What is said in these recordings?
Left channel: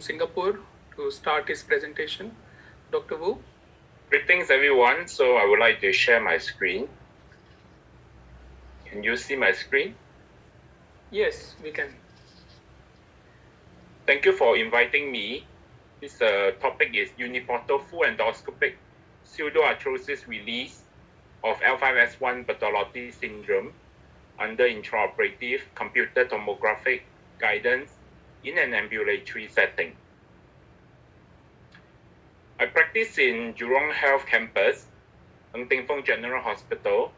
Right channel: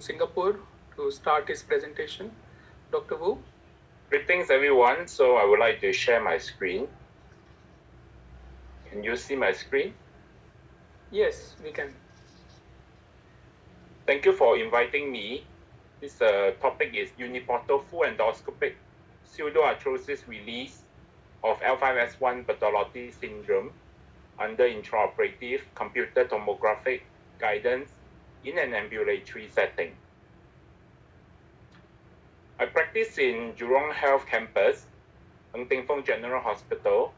Singapore to start his presentation. Dr. Wu. Greetings everyone. So I would like to share my screen. Can you see my screen? Yes, we can. Thank you for inviting me. This topic is uniportal full endoscopic pseudoarthrosis release of L5S1 Bertolotti syndrome under intraoperative computer tomographic guidance in an ambulatory setting. I practice in Jurong Health Campus, Ng Teng Fong General Hospital,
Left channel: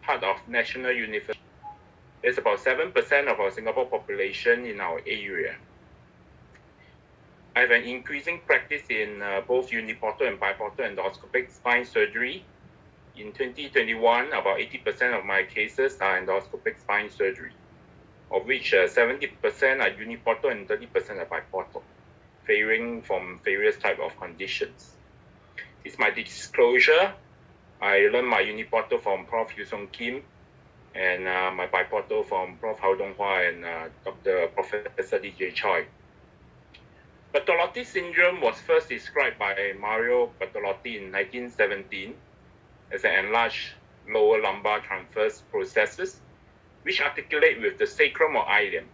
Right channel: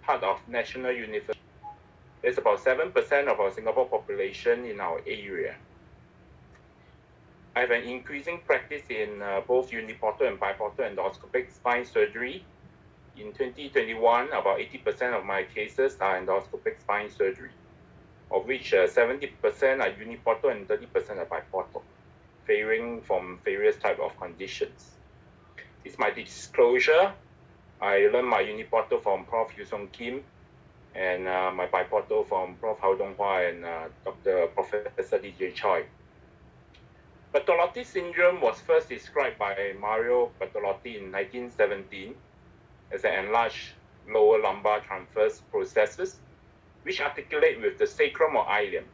part of National University. There's about 7% of our Singapore population in our area. I have an increasing practice in both uniportal and biportal endoscopic spine surgery. In 2021, about 80% of my cases are endoscopic spine surgery, of which 70% are uniportal and 30% are biportal, varying from various types of conditions. It's my disclosure. I learned my uniportal from Prof. Yu Song Kim and my biportal from Prof. Hao Donghua and Dr. Professor DJ Choi. Bertolotti syndrome was first described by Mario Bertolotti in 1917 as an enlarged lower lumbar transverse processes which articulate with the sacrum or ilium.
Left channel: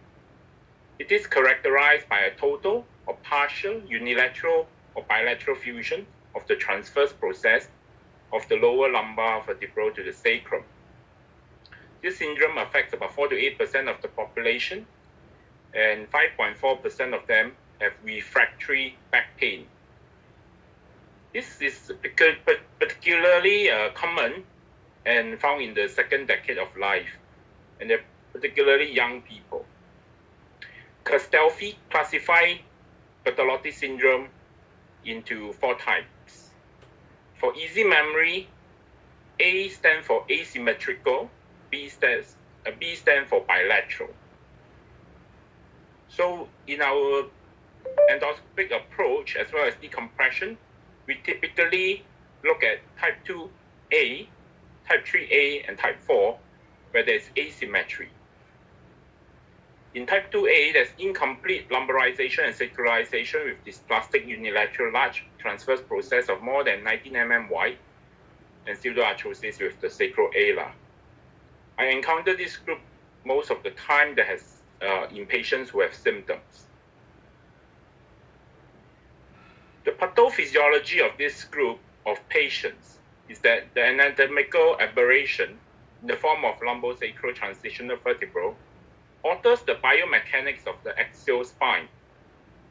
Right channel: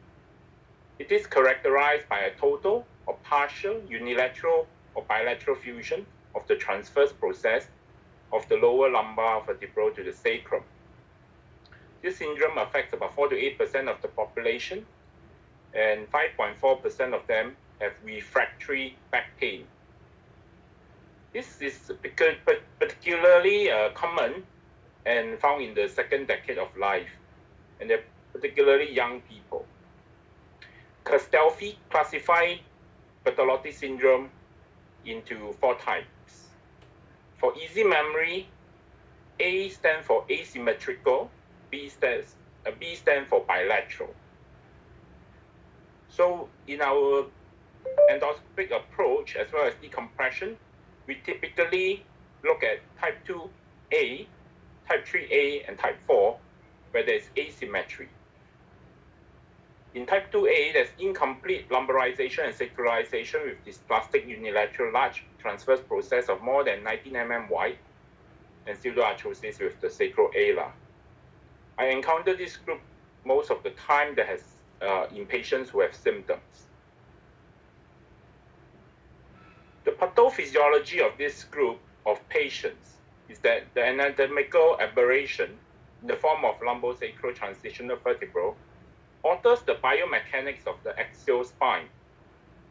It is characterized by a total or partial unilateral or bilateral fusion of the transverse process of the lower lumbar vertebral to the sacrum. This syndrome affects about 4 to 8% of the population, and 5.4% of them have refractory back pain. This is particularly common and found in the second decade of life, and they're particularly young people. Castelfi classified Bertolotti syndrome into 4 types. For easy memory, A stands for asymmetrical, B stands for bilateral. So in our endoscopic approach, as well as decompression, we typically look at type 2A, type 3A, and type 4, where there's asymmetry. In type 2A, there's incomplete lumbarization and sacralization with dysplastic unilateral large transverse process of more than 19 mm wide and pseudoarthrosis with the sacral ala. I encounter this group most of the time that has in patients who have symptoms. The pathophysiology of this group of patients is that the anatomical aberration in the form of lumbosacral transitional vertebral alters the biomechanics of the axial spine,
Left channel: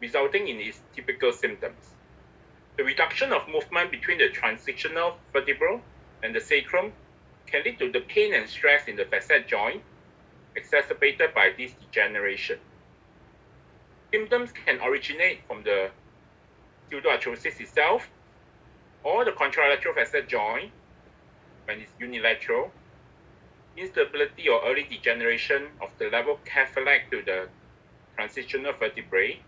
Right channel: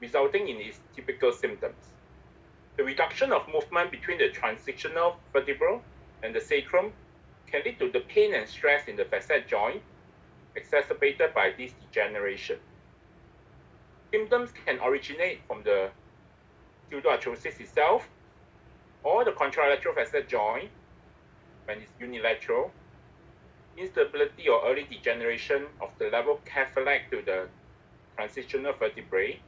resulting in its typical symptoms. The reduction of movement between the transitional vertebral and the sacrum can lead to the pain and stress in the facet joint, exacerbated by this degeneration. Symptoms can originate from the pseudoarthrosis itself, or the contralateral facet joint when it's unilateral, instability or early degeneration of the level capillary to the transitional vertebrae.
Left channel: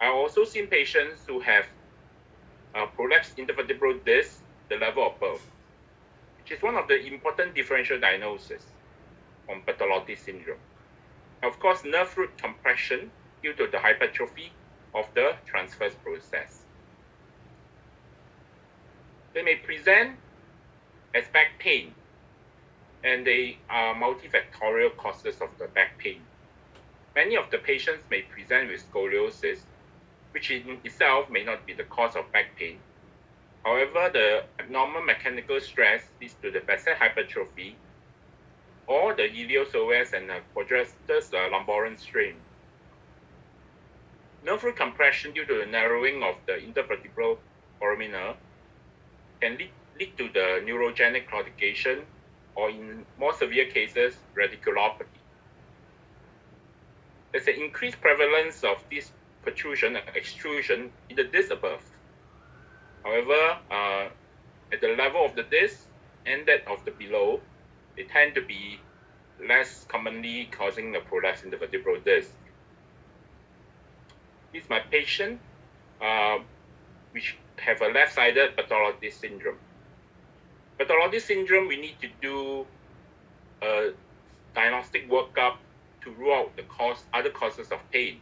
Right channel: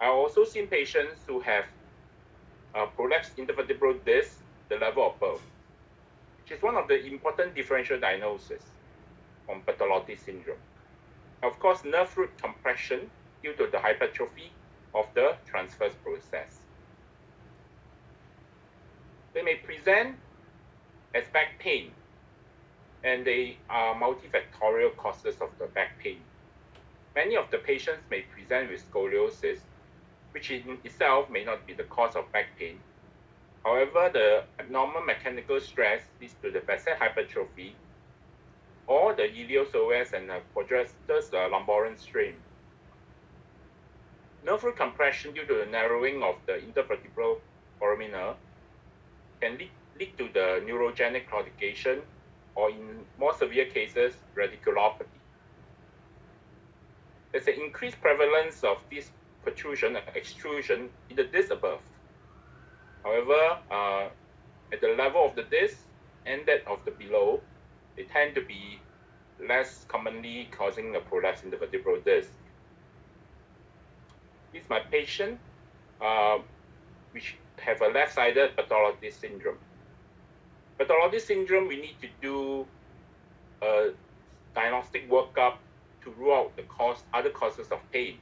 I've also seen patients who have prolapsed intervertebral disc, the level above, which is one of the important differential diagnoses from Bertolotti syndrome. Of course, nerve root compression due to the hypertrophy of the transverse process. They may present as back pain, and they are multifactorial causes of the back pain. Many of the patients may present with scoliosis, which in itself may not be the cause of back pain. However, the abnormal mechanical stress leads to the facet hypertrophy or the iliopsoas and quadratus lumborum strain. Nerve root compression due to the narrowing of the intervertebral foramina can lead to the neurogenic claudication, or in more severe cases, radiculopathy. There's an increased prevalence of this protrusion and extrusion in the disc above. However, at the level of the disc and that of the below, they tend to be less commonly causing a prolapse in the vertebral disc. This is my patient, which have a left-sided Bertolotti syndrome. Bertolotti syndrome, we need to do a diagnostic workup to rule out the other causes of pain.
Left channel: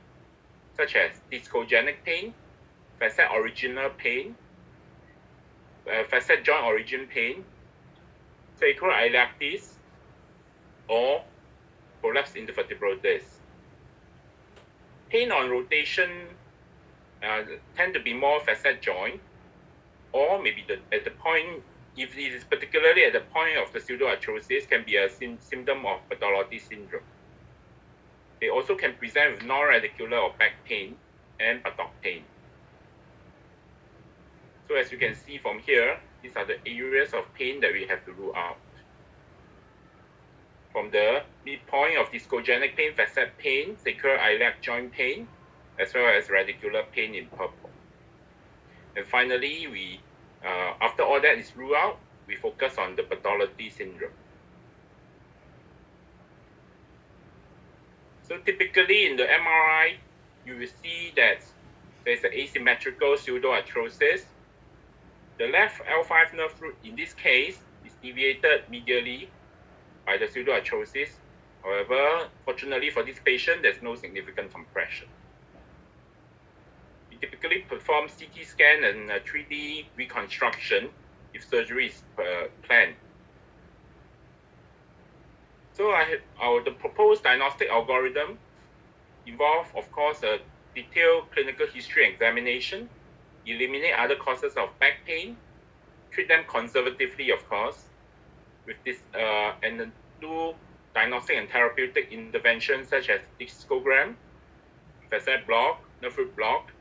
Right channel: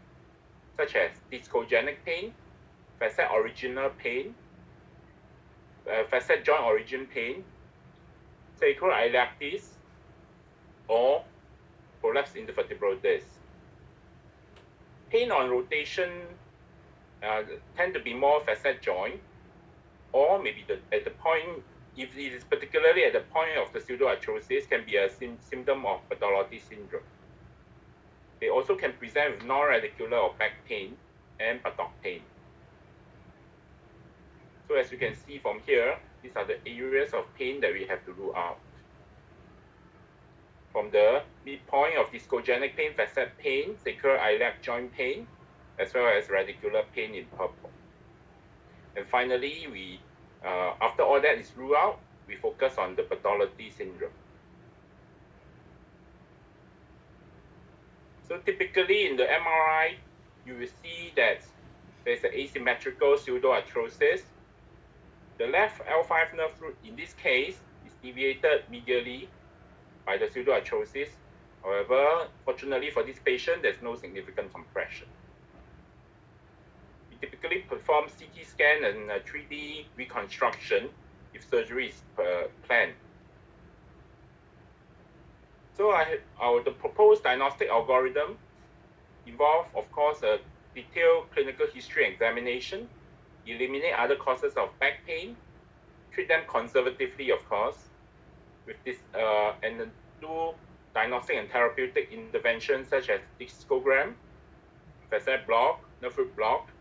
such as discogenic pain, facet original pain, facet joint origin pain, sacral iliactis, or prolapse intervertebral disc. Pain on rotation tend to be more facet joint, or maybe at the point, if it is particularly at the point of the pseudoarthrosis, can be a symptom of Bertolotti syndrome. They also can present with non-radicular or back pain and buttock pain. So as you can see from here, these are the areas of pain that we have to rule out. From the midpoint of discogenic pain, facet pain, sacral iliac joint pain, as well as radicular pain in purple. And finally, we after all that is ruled out, we focus on the Bertolotti syndrome. So typically in the MRI, you will see that there's an asymmetrical pseudoarthrosis. The left L5 nerve root in this case is deviated medially by the pseudoarthrosis. However, fortunately for this patient, there's no significant compression. We typically perform CT scan and 3D reconstruction if surgery is planned. So the proposed diagnostic algorithm involves, of course, a detailed clinical history examination, eliminate other causes of back pain, treat them conservatively, of course, with this, and then do diagnostic and therapeutic interventions such as discogram, facet block, nerve root block,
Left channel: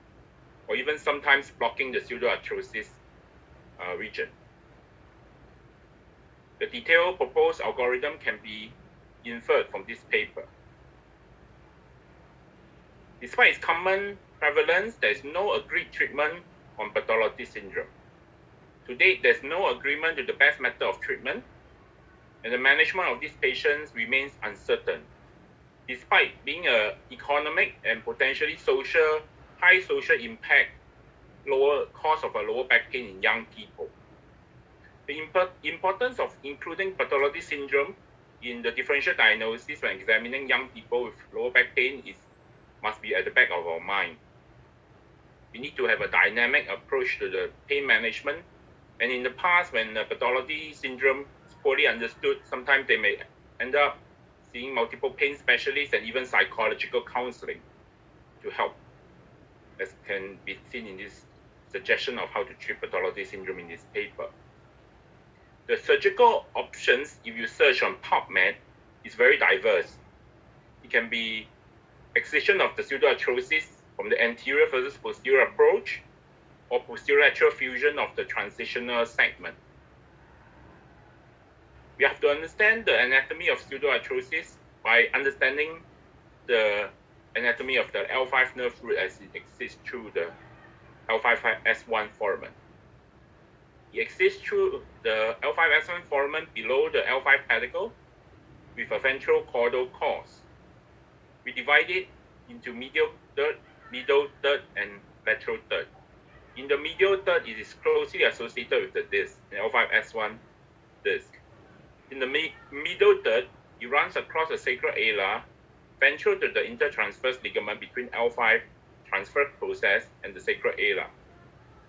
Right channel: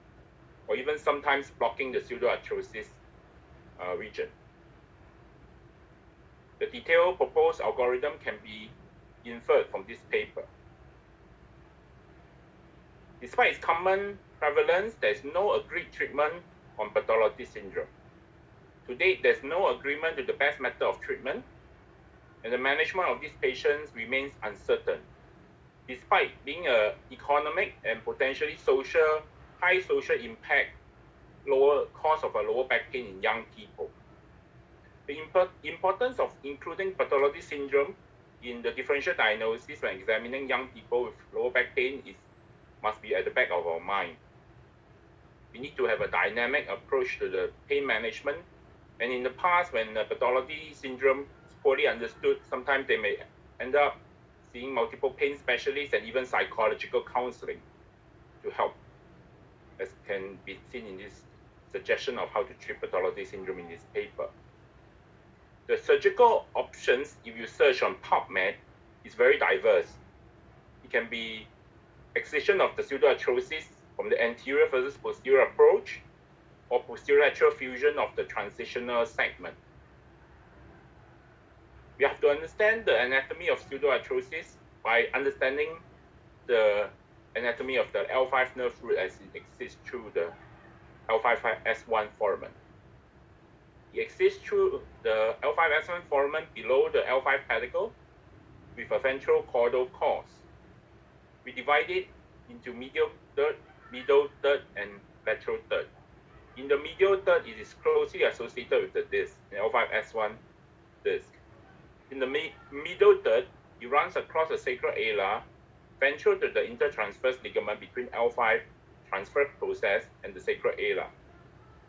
or even sometimes blocking the pseudoarthrosis region. The detailed proposed algorithm can be inferred from this paper. Despite its common prevalence, there is no agreed treatment on Bertolotti syndrome. To date, there's no agreement to the best method of treatment, and the management of these patients remains uncertain, despite being an economic and potentially high social impact, lower cause of a lower back pain in young people. The importance of including Bertolotti syndrome in the differential diagnosis when examining young people with lower back pain must be at the back of our mind. We need to have a dynamic approach to the pain management. And in the past, when Bertolotti syndrome is poorly understood, sometimes they may end up seeing multiple pain specialists and even psychological counseling to help, as can be seen in this suggestion of how to treat Bertolotti syndrome in this paper. The surgical options, if you search on PubMed, is very diverse. It can be excision of the pseudoarthrosis from the anterior versus posterior approach, or posterolateral fusion of the transitional segment. We have to understand the anatomy of pseudoarthrosis by understanding the anatomy of the L5 nerve root as it exists through the L5S1 foramen. It exists through the L5S1 foramen below the L5 pedicle with a ventral caudal course. We divide it into medial third, middle third, and lateral third. In the medial third, it is closely associated with the disc, the L5S1 disc. In the middle third, it runs across the sacral ala, ventral to the intertransverse ligament between L5 transverse process and the sacral ala.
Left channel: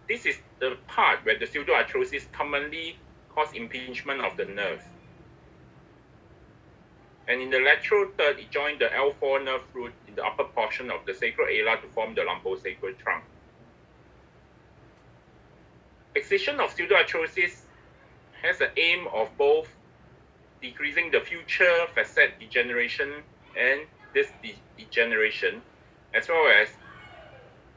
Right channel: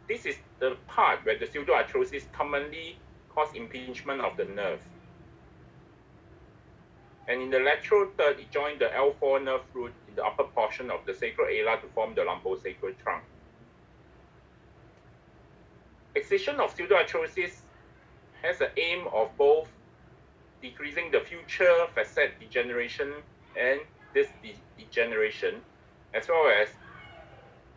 This is the part where the pseudoarthrosis commonly causes impingement of the nerve. And in the lateral third, it joins the L4 nerve root in the upper portion of the sacral ala to form the lumbosacral trunk. Excision of pseudoarthrosis has the aim of both decreasing the future facet degeneration and disc degeneration, as well as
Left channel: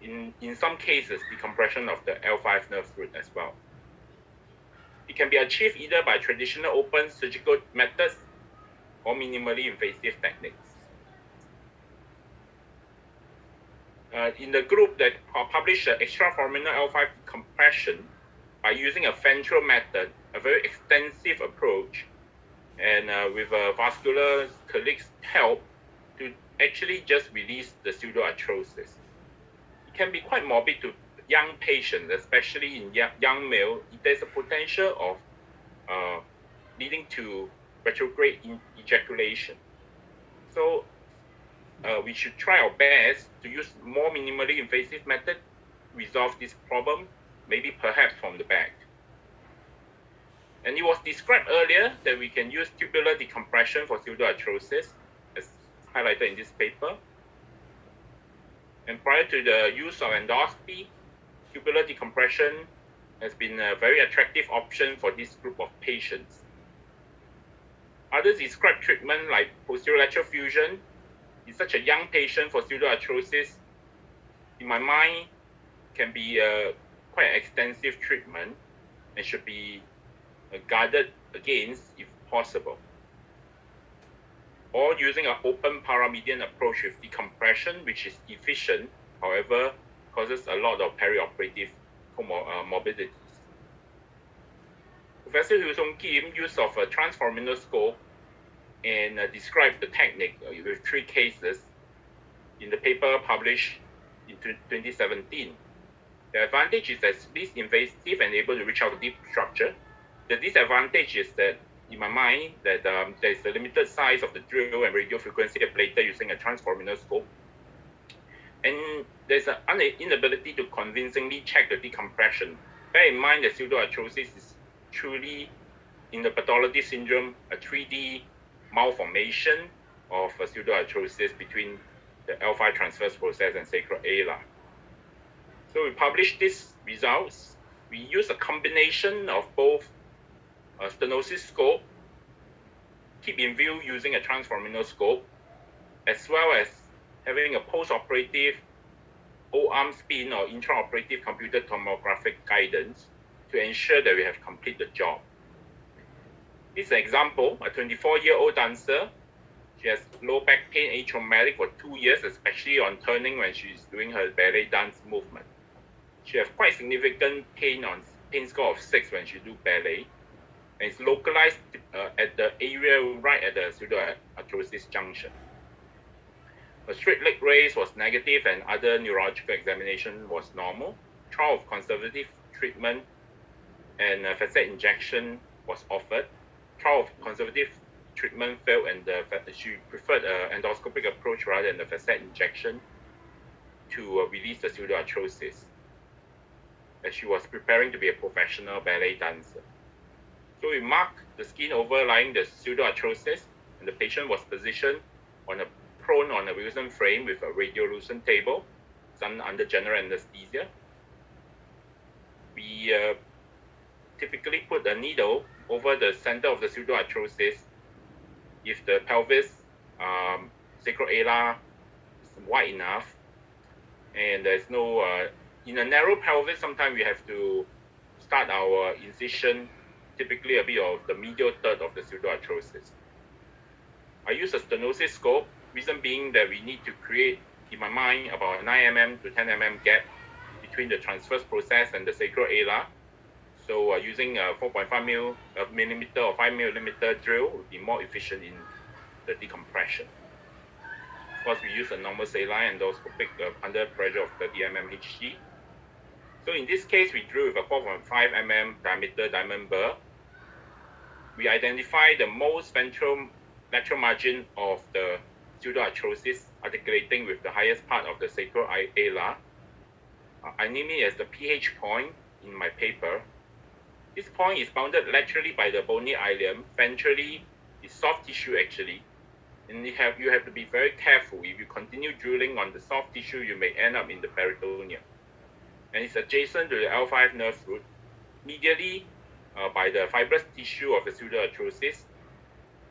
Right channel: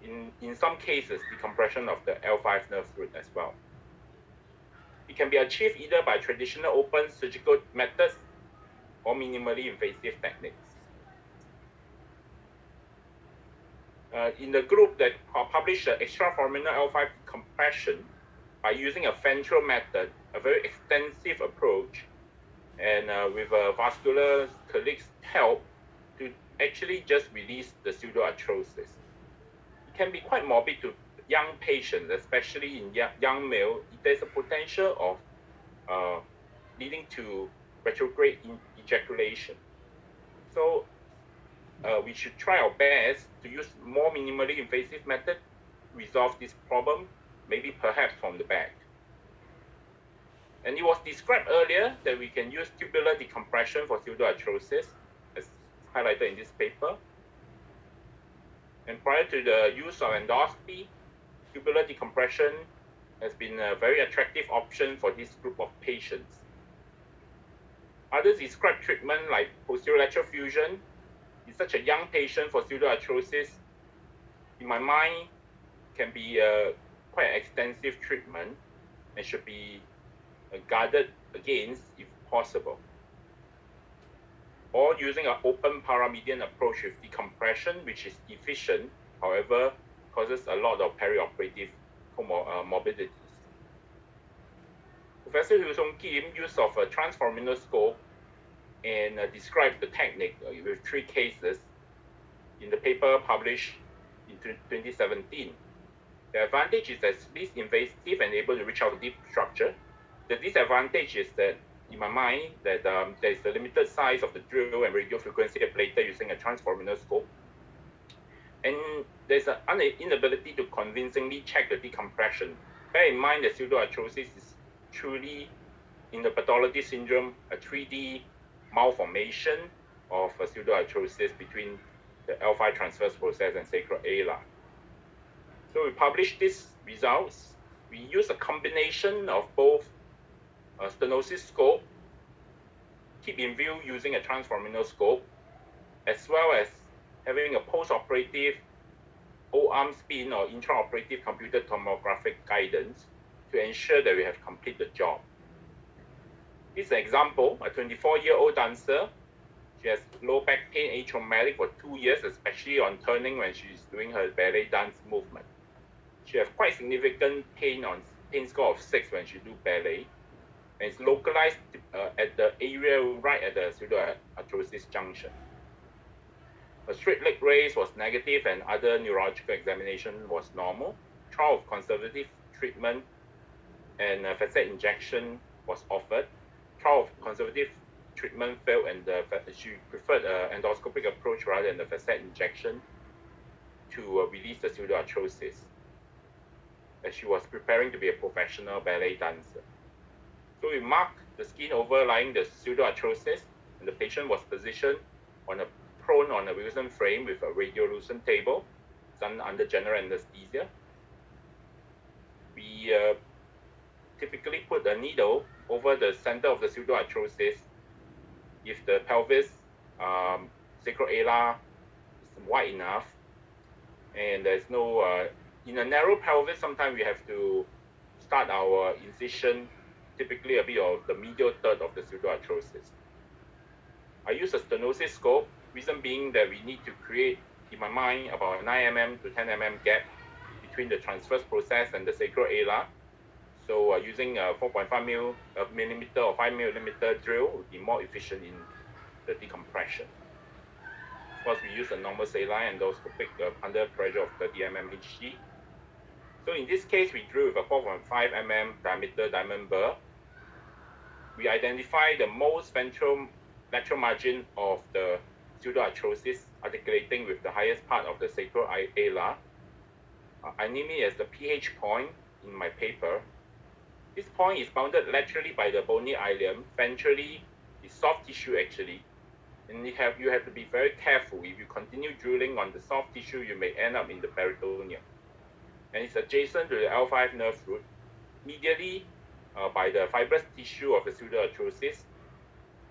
in some cases, decompression of the L5 nerve root as well. It can be achieved either by traditional open surgical methods or minimally invasive techniques. In the group that published the extraforaminal L5 decompression by using a ventral method, a very extensive approach, and with vascular colleagues' help to actually just release the pseudoarthrosis. It can be quite morbid to young patients, especially in young male. There's a potential of leading to retrograde ejaculation. So we should try our best to use more minimally invasive method to resolve this problem, maybe perhaps from the back. And it was described earlier that we can use tubular decompression for pseudoarthrosis, as highlighted in this paper. And prior to the use of endoscopy, tubular decompression has been a very attractive option for this group of patients. Other described treatment like posterolateral fusion in such a young patient for pseudoarthrosis, in my mind, can be a quite extensive treatment and should be guarded against if possible. Or using an open paramedian approach with decompression, which is efficient, however, causes a lot of perioperative comorbidities. Professor Hu Song Kim use of a transforaminal scope and described the technique with 3 cases in the paper published in 2017. The advantage is that it's least invasive and able to reach out deep structure. The disadvantage is that, in my mind, that there is a limited size of the drill and radio frequency ablator using a transforaminal scope. And there's an inability to convincingly check the decompression. Bear in mind that pseudoarthrosis is truly, in the pathology syndrome, a 3D malformation of a pseudoarthrosis between the L5 transverse process and sacral ala. So we published these results. We use a combination of both a stenosis scope, keep in view using a transforaminal scope, as well as having a post-operative O-arm spin or intraoperative computed tomographic guidance to ensure that we have completed the job. This is an example, a 24-year-old dancer. She has low back pain, atraumatic for 2 years, especially on turning when she's doing her ballet dance movement. She has quite significant pain score of 6 when she do ballet, and it's localized at the area right at the pseudoarthrosis junction. A straight leg raise was negative and other neurological examination was normal. Trial of conservative treatment and facet injection was offered. Trial of conservative treatment failed and she preferred an endoscopic approach rather than the facet injection to release the pseudoarthrosis, as she was preparing to be a professional ballet dancer. So we marked the skin overlying the pseudoarthrosis, and the patient was positioned prone on a Wilson frame with a radiolucent table, done under general anesthesia. We typically put a needle over the center of the pseudoarthrosis if the pelvis, sacral ala is wide enough, and there's no, in a narrow pelvis, sometimes we have to start our incision typically a bit of the medial third of the pseudoarthrosis. I use a stenosis scope, reason being that we need to create, in my mind, about 9 mm to 10 mm gap between the transverse process and the sacral ala. So using a 4.5 millimeter or 5 millimeter drill would be more efficient in the decompression. Of course, we use a normal saline endoscopic under pressure of 30 mm Hg. So in this case, we drew with a 4.5 mm diameter diamond burr. We identify the most ventral lateral margin of the pseudoarthrosis articulating with the highest part of the sacral ala. I name it as the pH point in my paper. This point is bounded laterally by the bony ileum. Ventrally is soft tissue actually. And you have to be very careful. If you continue drilling on the soft tissue, you may end up in the peritoneum. And it's adjacent to the L5 nerve root, medially by the fibrous tissue of the pseudoarthrosis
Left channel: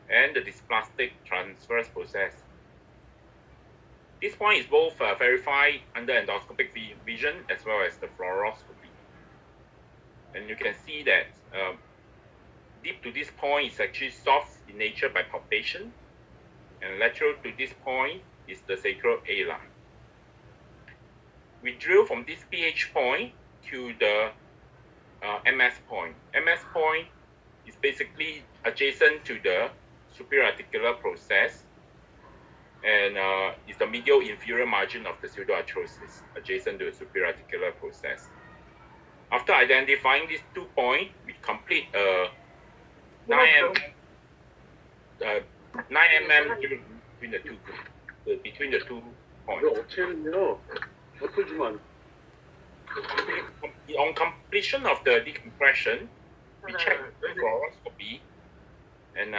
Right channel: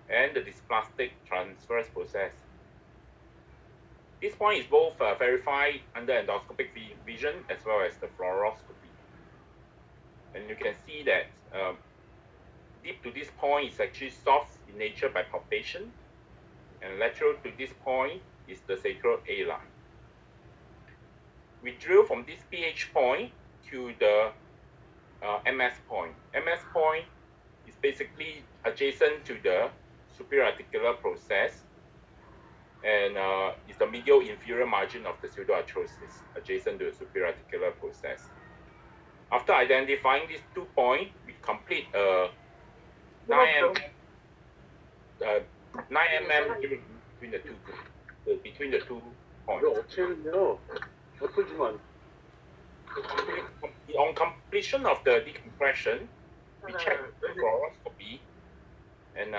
and the dysplastic transverse process. This point is both verified under endoscopic vision as well as the fluoroscopy. And you can see that deep to this point is actually soft in nature by palpation, and lateral to this point is the sacral ala. We drill from this pH point to the MS point. MS point is basically adjacent to the superior articular process and is the medial inferior margin of the pseudoarthrosis, adjacent to the superior articular process. After identifying these 2 points, we complete a 9 mm drill between the 2 groups. between the 2 points. On completion of the decompression, we check the fluoroscopy, and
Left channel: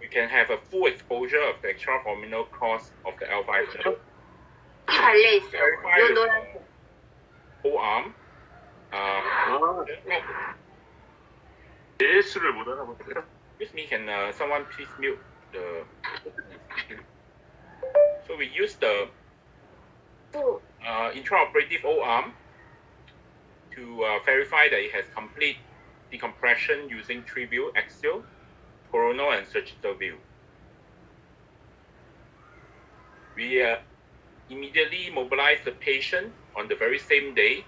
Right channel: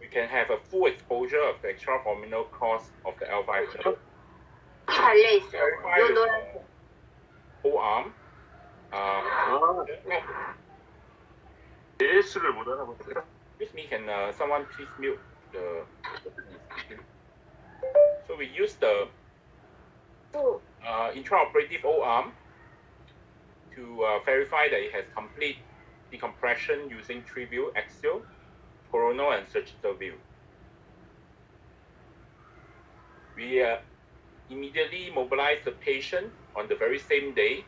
we can have a full exposure of the extraforaminal cross of the L5 nerve. Verify with the O-arm. 예수를 못 알아보더라. Excuse me, can someone please mute the... So we use the intraoperative O-arm to verify that it has complete decompression using 3 view: axial, coronal, and sagittal view. We immediately mobilize the patient on the very same day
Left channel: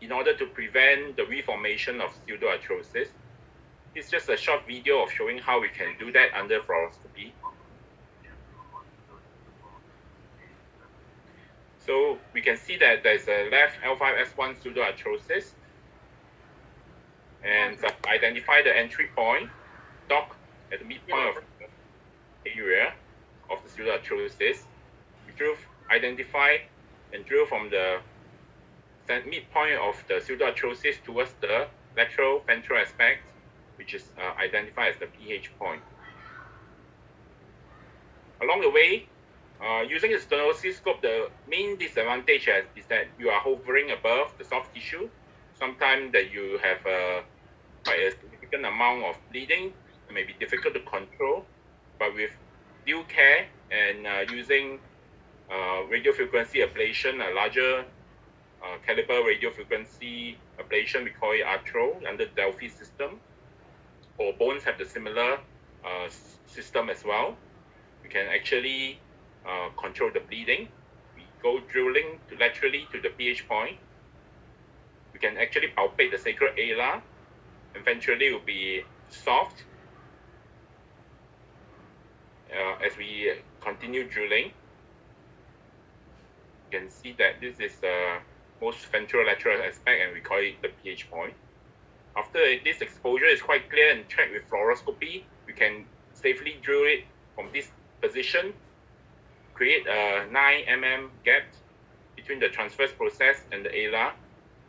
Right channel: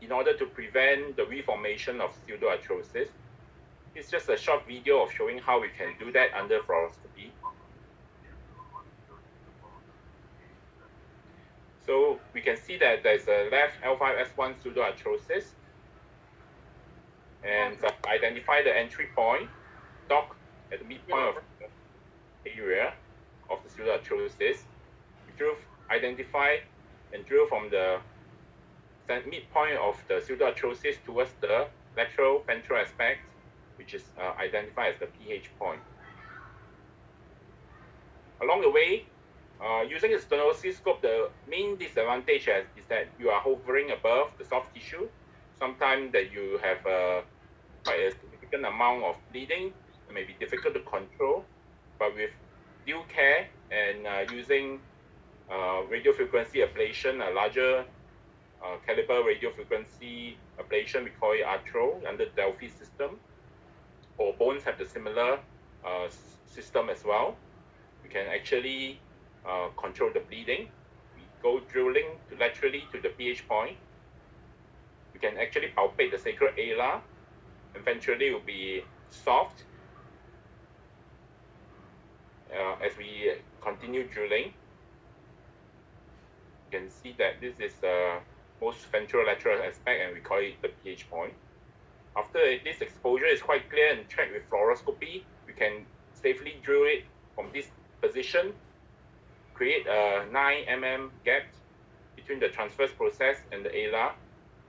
in order to prevent the reformation of pseudoarthrosis. It's just a short video of showing how we can do that under fluoroscopy. So we can see that there's a left L5S1 pseudoarthrosis, and identify the entry point, dock at the midpoint of the area of the pseudoarthrosis. We identify and drill from the midpoint of the pseudoarthrosis towards the lateral ventral aspect, which is identified as the pH point. Along the way, using the stenooscope, the main disadvantage is that you are hovering above the soft tissue. Sometimes that you have quite a significant amount of bleeding. It may be difficult to control, but with due care and using radiofrequency ablation, a larger caliber radiofrequency ablation, we call it Arthro under the Delphi system, or bones have the similar system as well. We can actually control the bleeding. We go drilling laterally to the pH point. We can actually palpate the sacral ala. Eventually, it will be soft as we continue drilling. You can see that this is the most ventrolateral aspect, and we call it the pH point. After this exposure is quite clear and checked with fluoroscopy, we can safely drill it from this position, create a 9 mm gap between the transverse process and the ala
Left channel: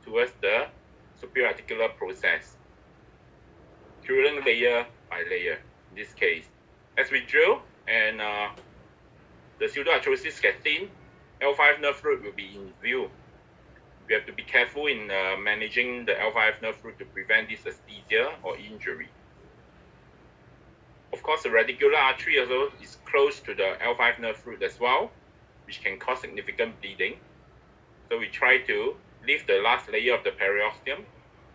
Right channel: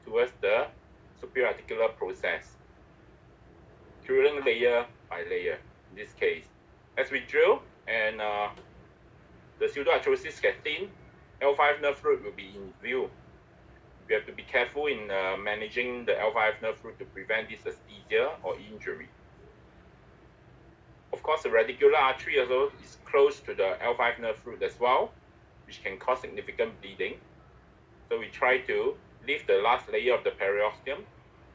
towards the superior articular process, drilling layer by layer in this case. As we drill and the pseudoarthrosis gets thin, L5 nerve root will be in view. We have to be careful in managing the L5 nerve root to prevent dysesthesia or injury. Of course, the radicular artery also is close to the L5 nerve root as well, which can cause significant bleeding. So we try to lift the last layer of the periosteum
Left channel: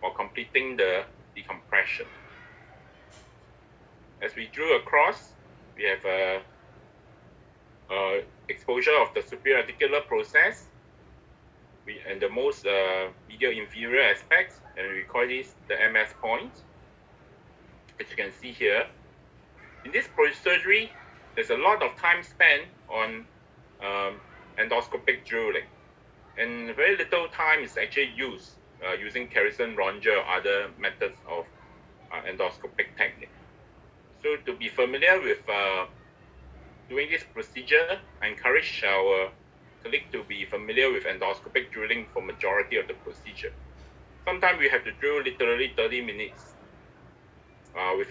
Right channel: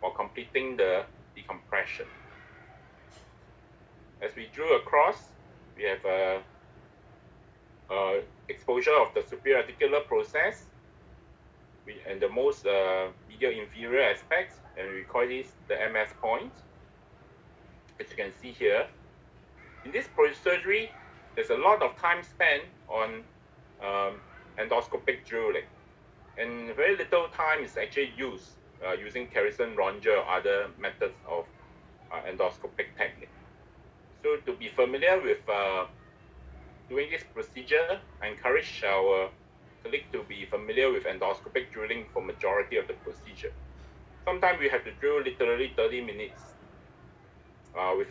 while completing the decompression. As we drill across, we have a exposure of the superior articular process and the most medial inferior aspects, and we call this the MS point. As you can see here, in this surgery, there's a lot of time spent on endoscopic drilling, and very little time is actually used using Carrison Ronger or other methods of endoscopic technique. So to be familiar with doing this procedure, I encourage our colleague to be familiar with endoscopic drilling for majority of the procedure. Sometimes we have to drill literally 30 minutes with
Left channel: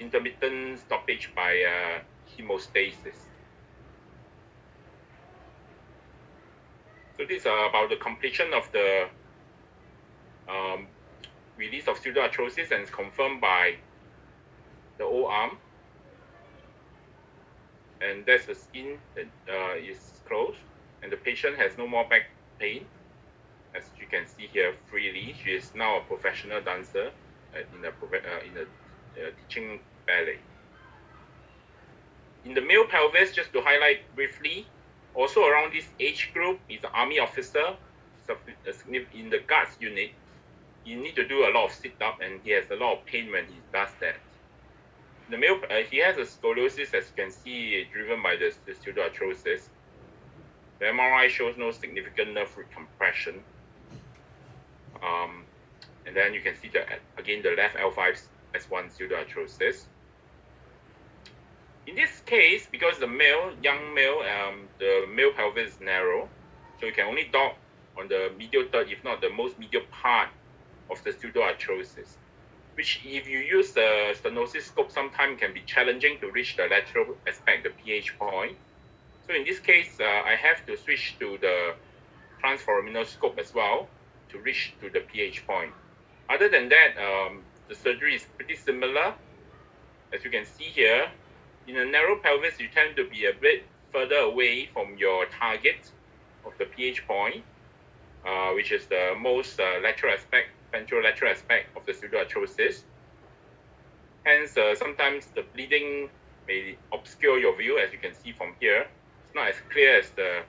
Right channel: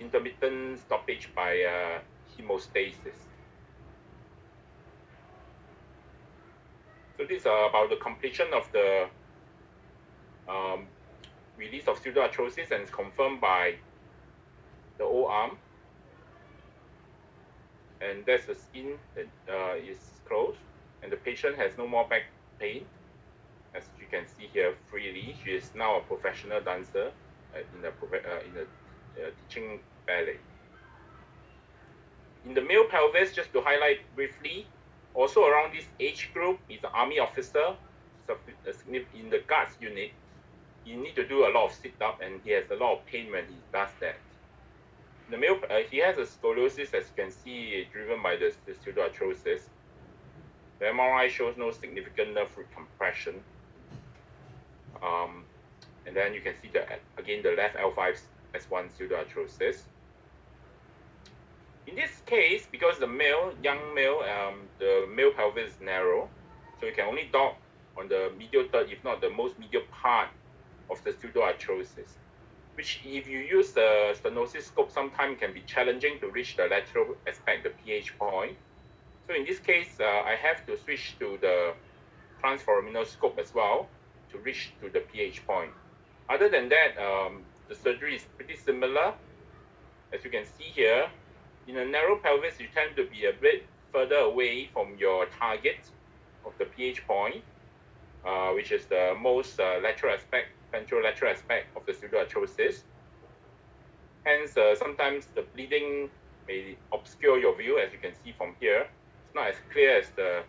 intermittent stoppage by hemostasis. So this is about the completion of the release of pseudoarthrosis, and is confirmed by the O-arm. And that's the skin that is closed, and the patient has no more back pain. As you can see here freely, she is now a professional dancer in a teaching ballet. In the male pelvis, just to highlight briefly, also around this age group is an army officer in the guards unit. You need to do a lot of sit-up, and he has a lot of pain when he does that. The male, he has a scoliosis, as you can see, driven by the pseudoarthrosis. The MRI shows no significant nerve root compression. And then you can see again the left L5S1 pseudoarthrosis. In this case, because the young male, the male pelvis is narrow, so you can only dock on the medial third, if not the most medial part of the pseudoarthrosis, which if you use the stenosis scope, sometimes can be challenging to reach the lateral aspect, the pH point. So in this case, I have to switch to the transforaminal scope as well to reach to the pH point. Other than that, the surgery is pretty similar. As you can see here, in a narrow pelvis, you tend to be a bit further away from your target of the pH point, which is the most lateral aspect, ventrolateral aspect of the pseudoarthrosis. Hence, sometimes the bleeding may obscure your view, as you can see from here. It's not as clear as the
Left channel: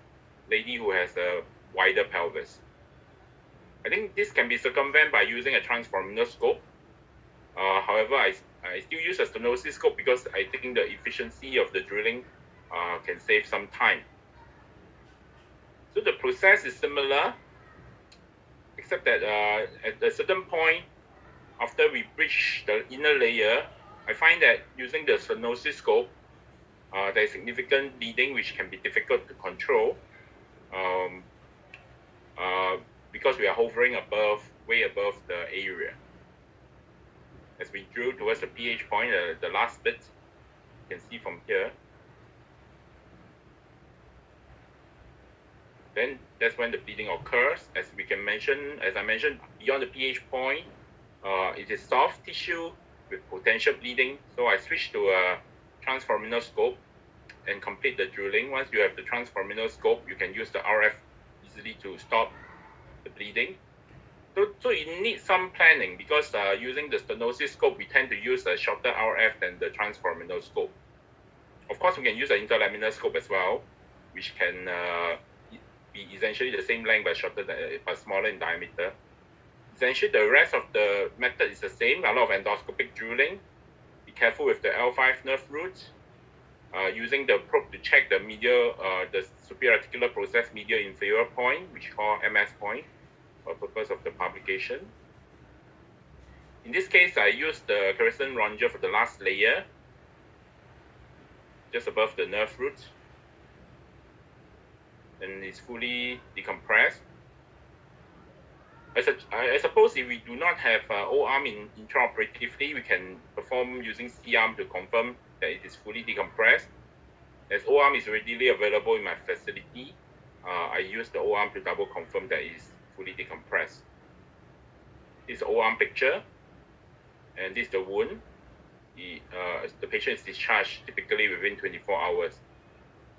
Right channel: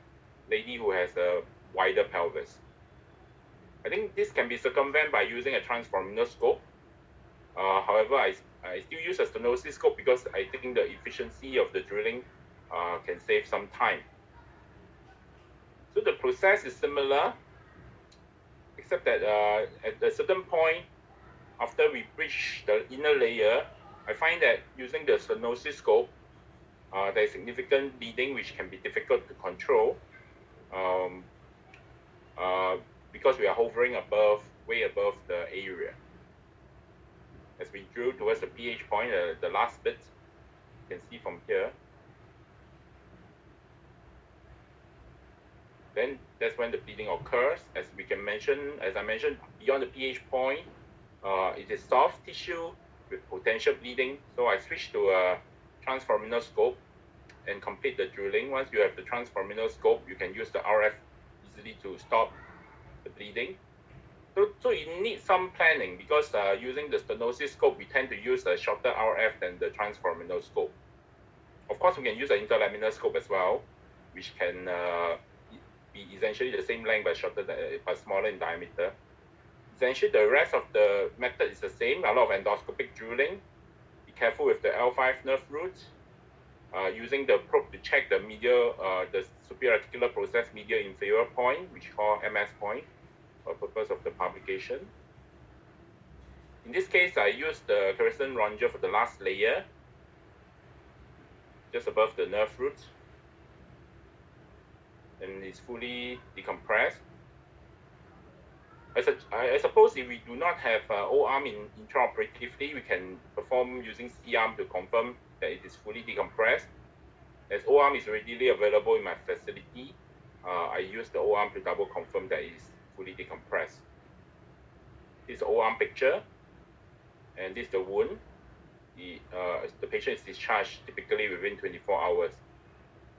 lady who has a wider pelvis. I think this can be circumvented by using a transforaminal scope. However, I still use a stenosis scope because I think the efficiency of the drilling can save some time. So the process is similar, except that at a certain point, after we breach the inner layer, I find that using the stenosis scope, there is significant bleeding which can be difficult to control because we are hovering way above the area. As we drill towards the pH point, the last bit, you can see from here. Then that's when the bleeding occurs. As I mentioned, beyond the pH point, it is soft tissue with potential bleeding. So I switch to a transforaminal scope and complete the drilling. Once you have the transforaminal scope, you can use the RF easily to stop the bleeding. So you need some planning because using the stenosis scope, we tend to use a shorter RF than the transforaminal scope. Of course, we can use an interlaminar scope as well, which can be essentially the same length but shorter but smaller in diameter. Essentially, the rest of the method is the same. A lot of endoscopic drilling. Be careful with the L5 nerve roots. Using the probe to check the the superior articular process medial inferior point, which we call MS point, for purpose of the publication. In this case, I use the Carson Ronger for the last layer, just above the nerve roots, and it's fully decompressed. I suppose if we do not have O-arm intraoperatively, we can perform using C-arm to confirm that it is fully decompressed. As O-arm is readily available in my facility, I use the O-arm to double confirm that it is fully decompressed. This is the O-arm picture, and this is the wound. The patient is discharged typically within 24 hours.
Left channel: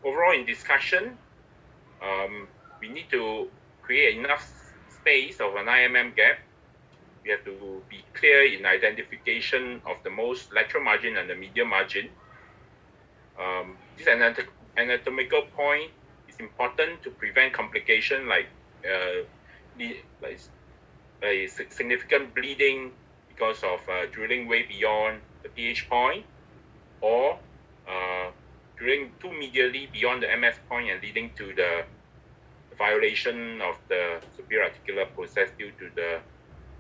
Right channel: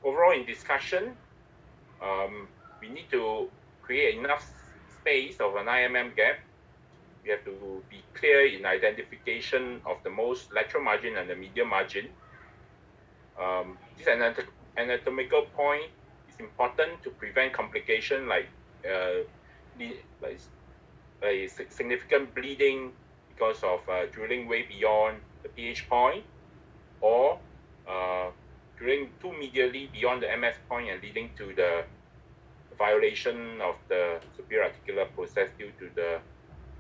Overall, in discussion, we need to create enough space of an IMM gap. We have to be clear in identification of the most lateral margin and the medial margin. This anatomical point is important to prevent complication like significant bleeding because of drilling way beyond the pH point, or drilling too medially beyond the MS point and leading to the violation of the superior articular process due to the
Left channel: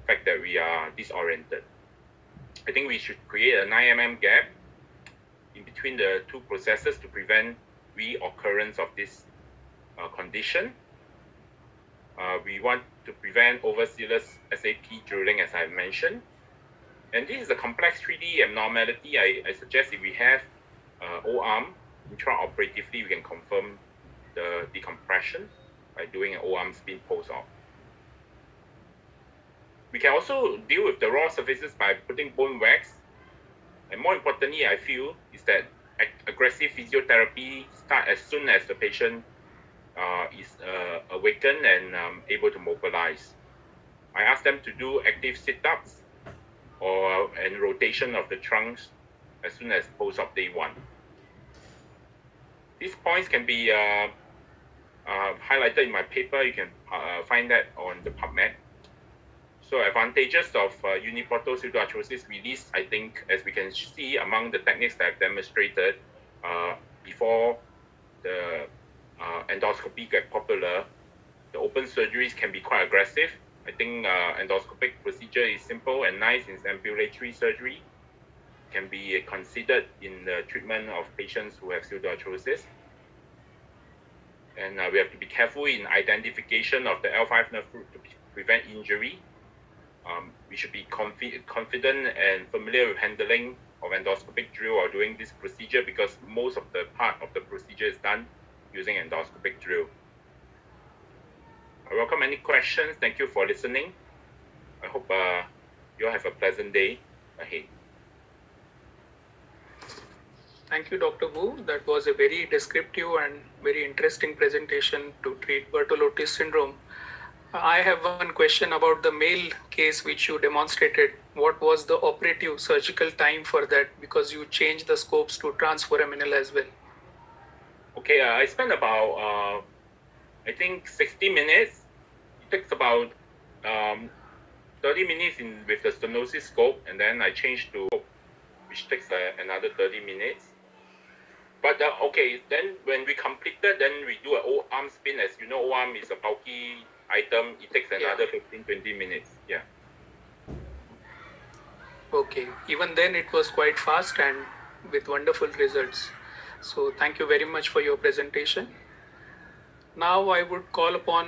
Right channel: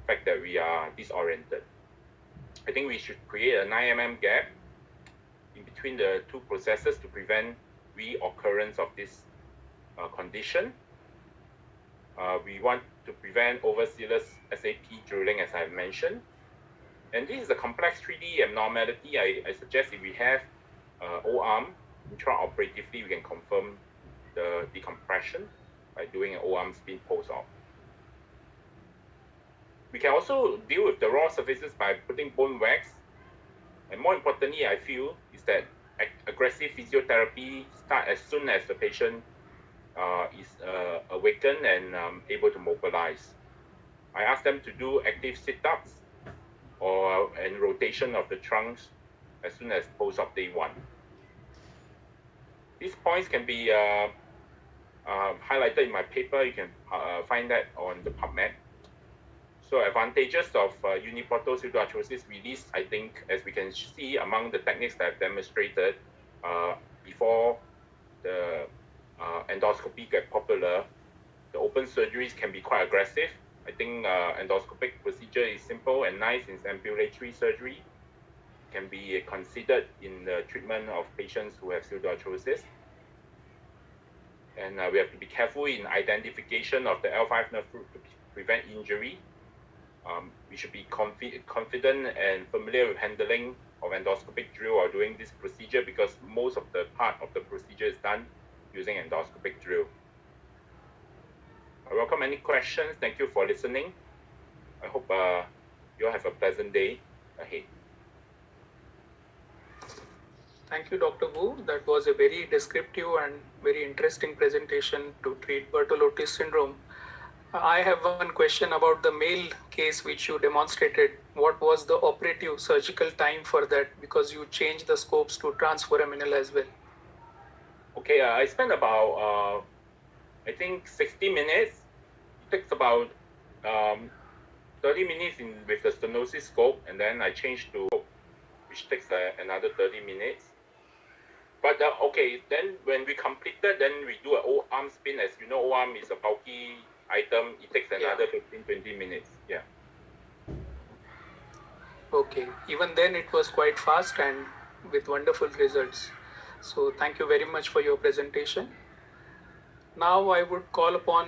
fact that we are disoriented. I think we should create a 9 mm gap in between the two processes to prevent reoccurrence of this condition. We want to prevent overzealous SAP drilling, as I've mentioned. And this is a complex 3D abnormality. I suggest if we have O-arm, intraoperatively, we can confirm the decompression by doing an O-arm spin post-op. We can also deal with the raw surfaces by putting bone wax. And more importantly, I feel, is that aggressive physiotherapy starts as soon as the patient is awakened and able to mobilize. I ask them to do active sit-ups and rotation of the trunks as soon as post-op day 1. These points can be highlighted in my paper. You can find that on the PubMed. So advantages of uniportal pseudoarthrosis release, I think, as we can see among the techniques that I've demonstrated before the endoscopy get popular, the open surgeries can be quite aggressive. I think endoscopic procedure is simple and nice in ambulatory surgery. can be considered in the treatment of patients who have pseudoarthrosis. And we have to be careful in identification of the L5 nerve root to prevent injury. We should be confident and familiar with handling of endoscopic drill or doing this procedure, because most of the part of the procedure is done using endoscopic drill. I welcome any questions. Thank you for listening. I hope you all have a pleasant day ahead. Thank you, Dr. Wu. That was a very descriptive and very interesting presentation to treat Bertolotti syndrome. I have one question about the male case which you demonstrated. What was the operative surgical time for that? Because you changed the scopes to transforaminal as well. Okay, I spent about, I think 60 minutes. It takes about 30 minutes with the stenosis scope, and then I changed to, which takes another 30 minutes. But okay, then when we completed, then we do an O-arm spin. As you know, O-arm is a bulky item. It takes another 15-20 minutes. Yeah. Okay, even then it was quite fast and with wonderful results. So thank you very much for your presentation. Now I would call upon